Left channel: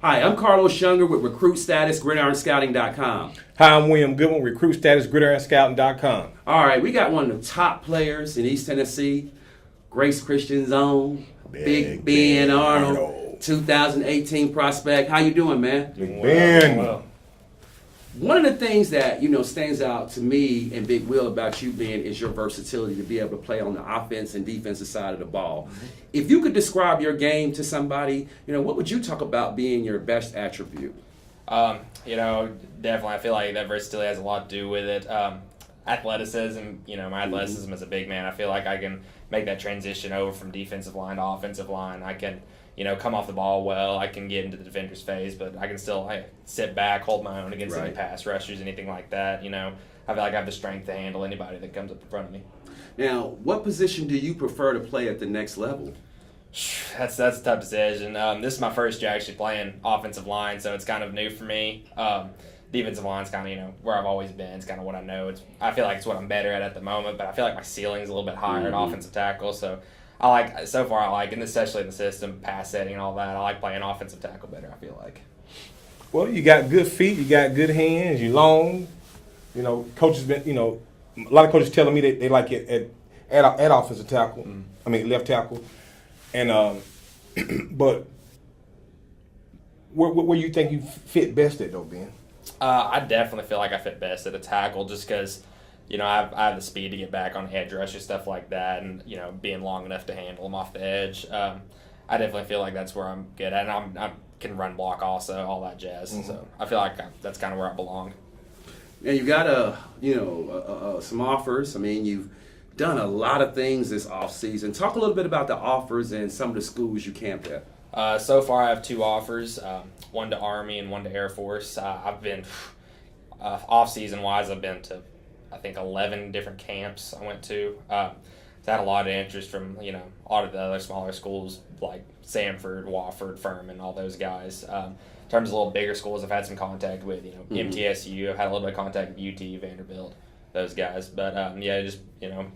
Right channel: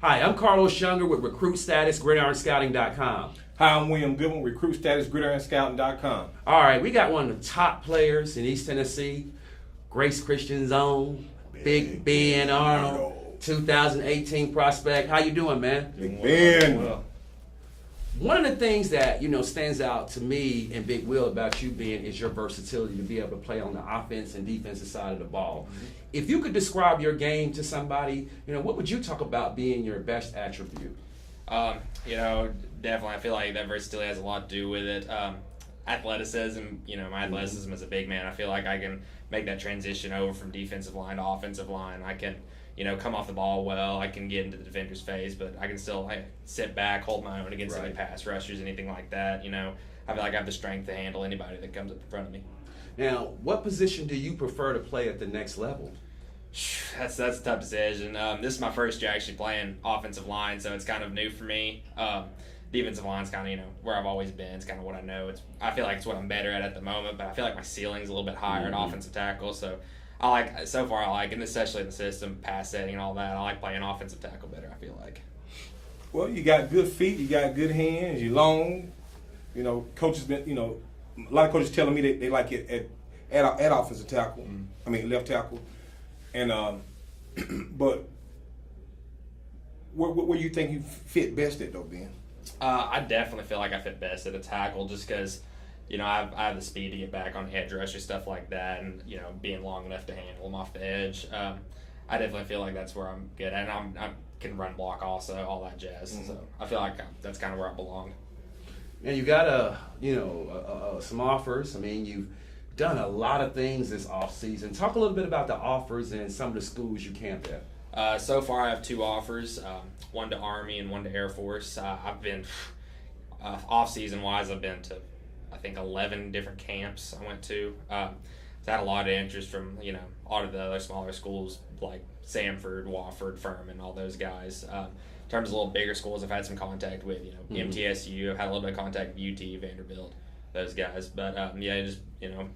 Hi, I'm Carlos Younger with Recruit Status, GridironScouting.com. Hi, I'm William Goodwin, Recruit Status, GridironScouting.com. All right, we got one of the top players in East Tennessee, Grace Christian Zone, Big Ben Arnold, 2018 prospect. How you doing, man? Big Ben. Well, One of the things that, stands out to me and Big Will about you, Ben, is your versatility to be able to play on the offense and defensive side of the ball. If you could describe your game to somebody, what would you talk about being your best attribute? Definitely, I feel like that versatility has a lot to do with it. Athleticism, my athleticism as a big man, I feel like I can make that transition over from defensive line to offensive line. I can, come off the ball well. I can get into the defender's phase, but I can still sit back, hold my own against any pass rushers, anything like that. I feel like I have the strength to handle anybody that comes up in front of me. Now, what position do you prefer to play at the next level? That's a tough decision. This is my first year actually playing offensive line, so it's kind of new for me. Defensive line's kind of where I've always been. It's kind of what I know. I feel like it's what I'm better at the moment, but I feel like my ceiling's a little bit higher at offensive tackle. So and especially the system, pass setting and all that. I like playing offensive tackle better, I feel like. Well, you got good feet, you got good hands, you're long. Coaches been, a lot of coaches telling me they like it at offensive tackle. Left tackle. And but where you think you fit best at though, Ben? I definitely feel like I fit best at a tackle just because, I have the speed to get back on edge rushes, stuff like that, and, being long enough to handle them off the edge. I definitely feel like that's where I'm good at, and I can run block also, all that jazz. So I feel like that's kind of where I belong. And you got some offers. You've done a lot of things this offseason. Talk a little bit about the offers and some of the schools you camped at. So far, I have 2 offers, one to Army and one to Air Force. I've been, off-season wise, I've been to, I think, 11 different camps I went to. I've had a lot of interest from, a lot of the other smaller schools like Samford, Wofford, Furman, all those guys. In terms of a little bigger schools, I've had some contact with, MTSU. I've had a little bit of contact with UT, Vanderbilt, those guys. But, just,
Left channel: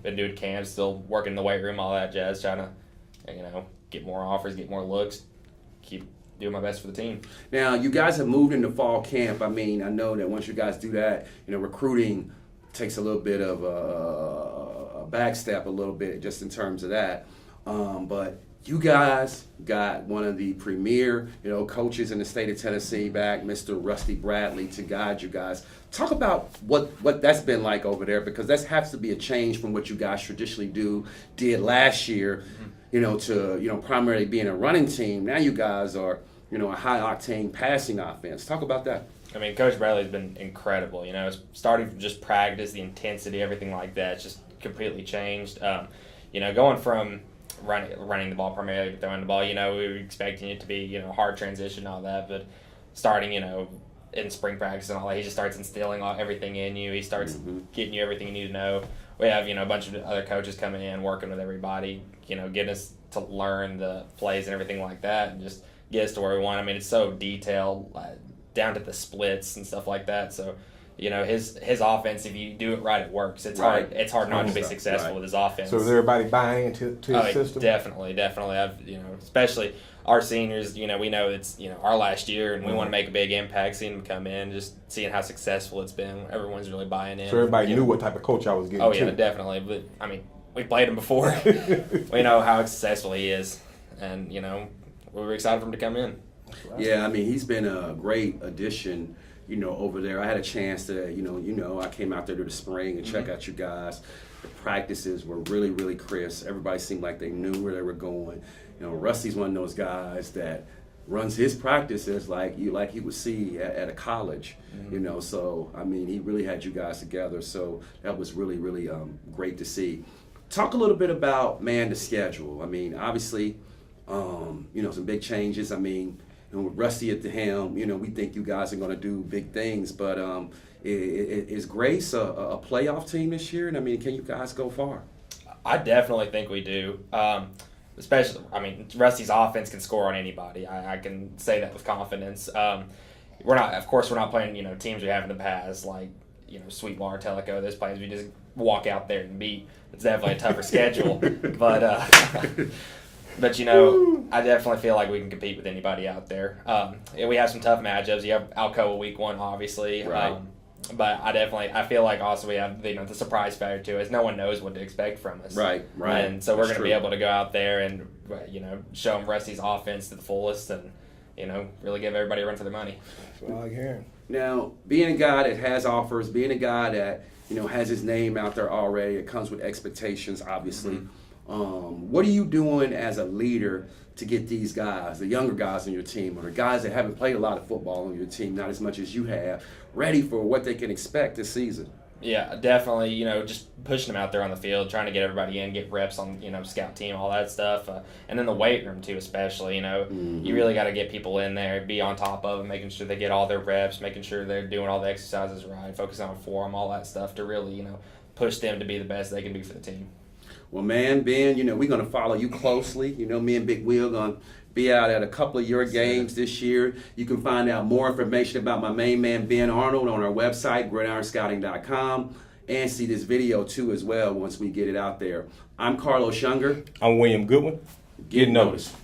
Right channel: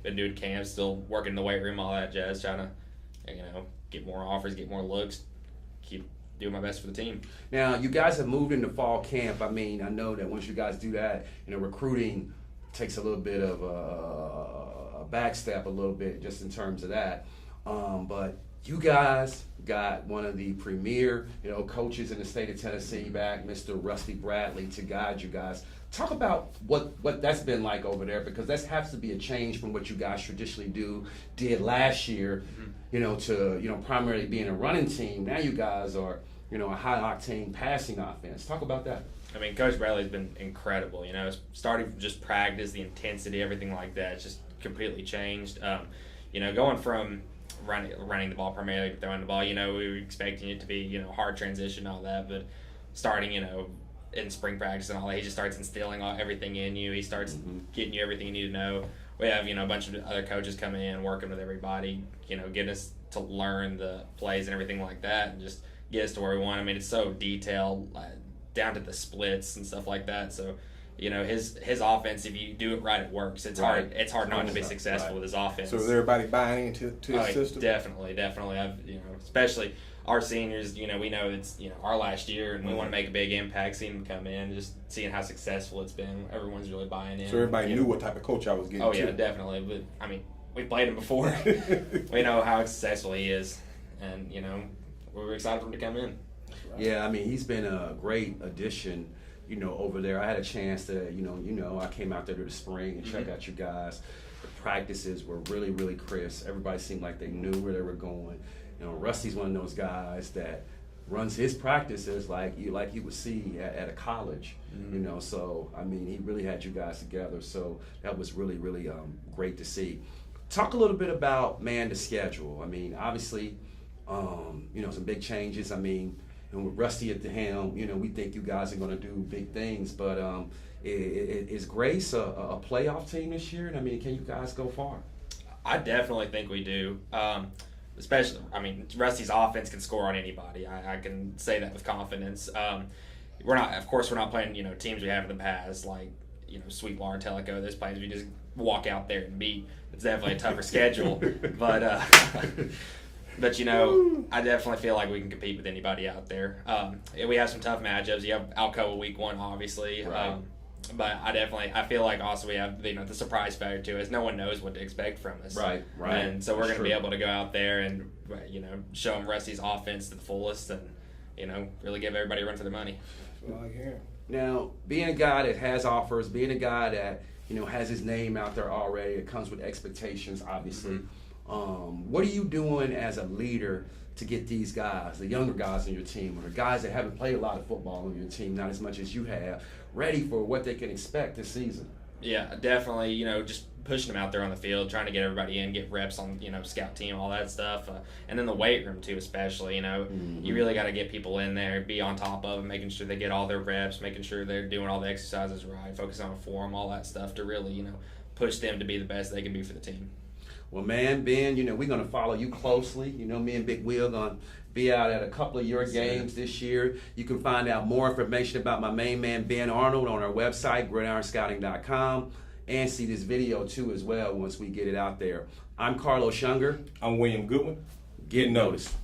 been doing camps, still working in the weight room, all that jazz, trying to, get more offers, get more looks, keep doing my best for the team. Now, you guys have moved into fall camp. I know that once you guys do that, recruiting takes a little bit of a back step a little bit just in terms of that. But you guys got one of the premier, coaches in the state of Tennessee back, Mr. Rusty Bradley, to guide you guys. Talk about what that's been like over there, because that has to be a change from what you guys traditionally did last year, to primarily being a running team. Now you guys are, a high-octane passing offense. Talk about that. Coach Bradley's been incredible. Starting from just practice, the intensity, everything like that, it's just completely changed. Going from running the ball primarily to throwing the ball, we were expecting it to be, hard transition and all that, but starting, in spring practice and all that, he just starts instilling everything in you. He starts getting you everything you need to know. We have, a bunch of other coaches coming in, working with everybody, getting us to learn the plays and everything like that, and just get us to where we want. It's so detailed, down to the splits and stuff like that. So, his offense, if you do it right, it works. It's hard. It's hard not to be successful with his offense. So is everybody buying into his system? Definitely. I've especially our seniors. We know it's our last year, and we want to make a big impact. Seeing them come in, just seeing how successful it's been. Everyone's really buying in. So everybody knew what type of coach I was getting. Oh yeah, definitely. But we played him before. We know how successful he is, and we were excited for him to come in. Yeah, he's been a great addition, over there. I had a chance to, I came out there to the spring and check out you guys. The practices were really, really crisp. Everybody seemed like they knew where they were going. Rusty's one of those guys that runs his practices like he would see at a college, So, he really had you guys together. So that was really, really great to see. Talk a little bit about, the schedule. Obviously, some big changes. And with Rusty at the helm, we think you guys are going to do big things. But is Grace a playoff team this year? And can you guys go far? I definitely think we do. Especially, Rusty's offense can score on anybody. I can say that with confidence. We're not playing teams we have in the past like Sweetwater, Tellico. Those players we just walk out there and beat. It's definitely a tougher schedule, but But, you know, I definitely feel like we can compete with anybody out there. And we have some tough matchups. You have Alcoa week 1, obviously. Right. But I feel like also we have, you know, the surprise factor too, is no one knows what to expect from us. Right. And so we're That's going to be true. able to go out there and, you know, show them Rusty's offense to the fullest and, you know, really give everybody a run for their money. That's what I like hearing. Now, being a guy that has offers, being a guy that, you know, has his name out there already, it comes with expectations, obviously. What are you doing as a leader to get these guys, the younger guys on your team, or the guys that haven't played a lot of football on your team, not as much as you have, ready for what they can expect this season? Yeah, definitely, you know, just pushing them out there on the field, trying to get everybody in, get reps on, you know, scout team, all that stuff. And then the weight room, too, especially, you know. You really got to get people in there, be on top of them, making sure they get all their reps, making sure they're doing all the exercises right, focusing on form, all that stuff to really, you know, push them to be the best they can be for the team. Well, man, Ben, you know, we're going to follow you closely. You know, me and Big Will going to be out at a couple of your games this year. You can find out more information about my main man, Ben Arnold, on our website, gridironscouting.com, and see this video, too, as well, once we get it out there. I'm Carlos Younger. I'm William Goodwin. Get noticed.